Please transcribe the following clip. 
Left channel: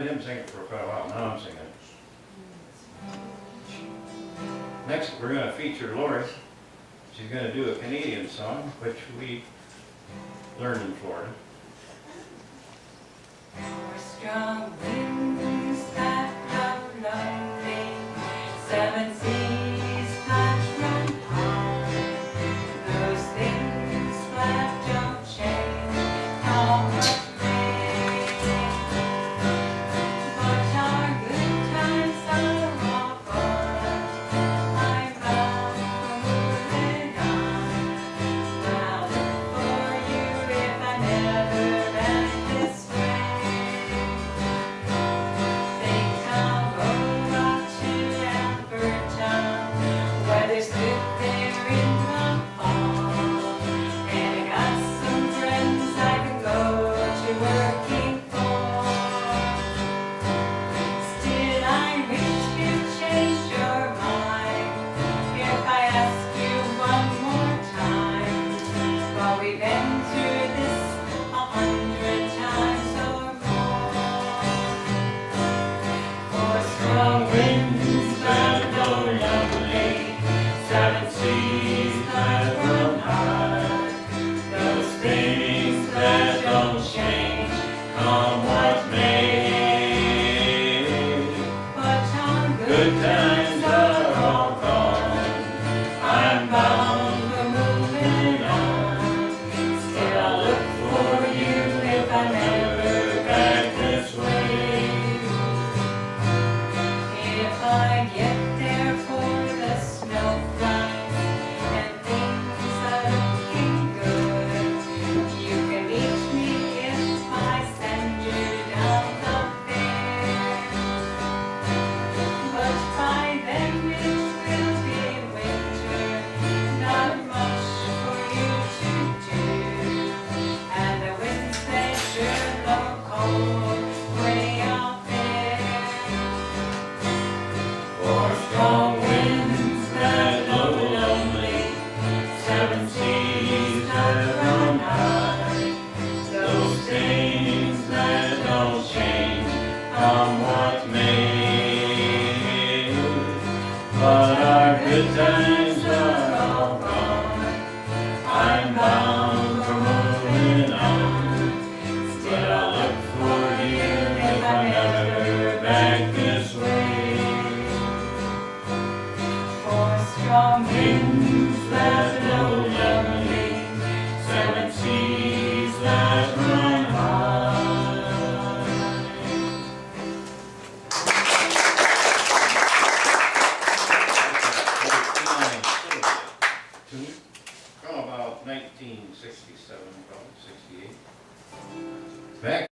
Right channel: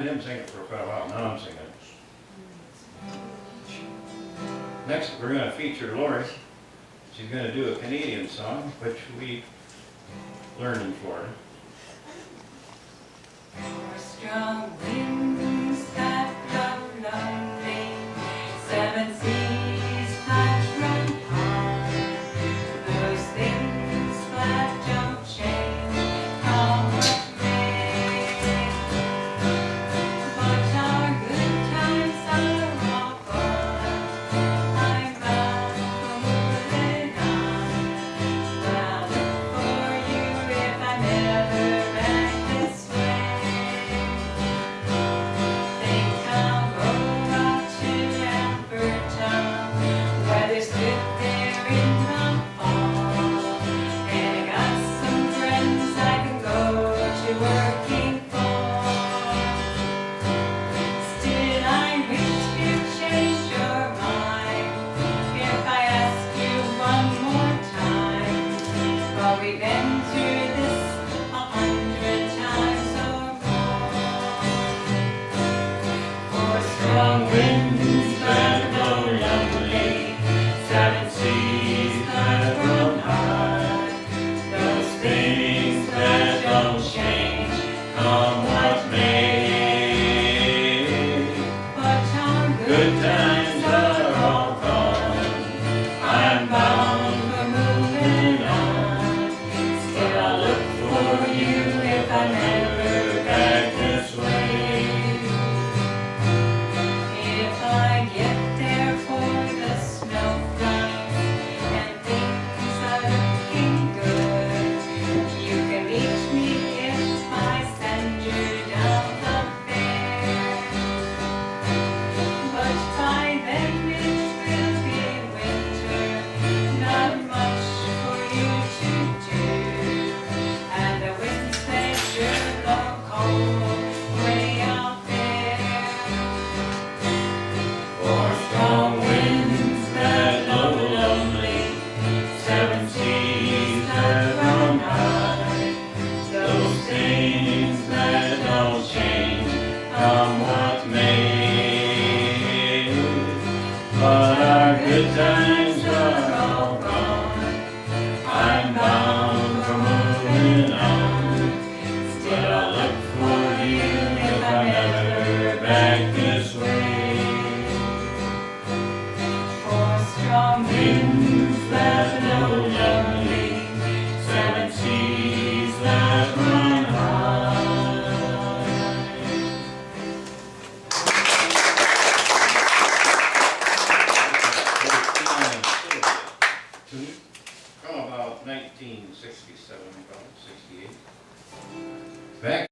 I didn't sing it for quite a while, now I'm singing it. Next, we're going to feature Lori. She's going to do a Canadian song, which we learned in Florida. Strong winds that blow lonely, seven seas that run high, those things that don't change come what may. But our good times are all gone. I'm bound for moving on. I'll look for you if I'm ever back this way. Think I'll go out to Alberta, where there's good there in the fall, and I got some friends I can go to working for. Still, I wish you'd change your mind if I ask you one more time. But we've been through this 100 times or more. For strong winds that blow lonely, seven seas that run high, those things that don't change, come what may. But our good times are all gone. I'm bound for moving on. Still, I'll look for you if I'm ever back this way. If I get there for the snow flies and things are looking good, you can reach me if I send you down the fair. But by then it will be winter, not much for you to do, and the winds they sure blow cold, gray out there. For strong winds that blow lonely, seven seas that run high, those things that don't change, come what may. But our good times are all gone. I'm bound for moving on. Still, I'll look for you if I'm ever back this way. For strong winds that blow lonely, seven seas that run high. From about 1967, about 68. Back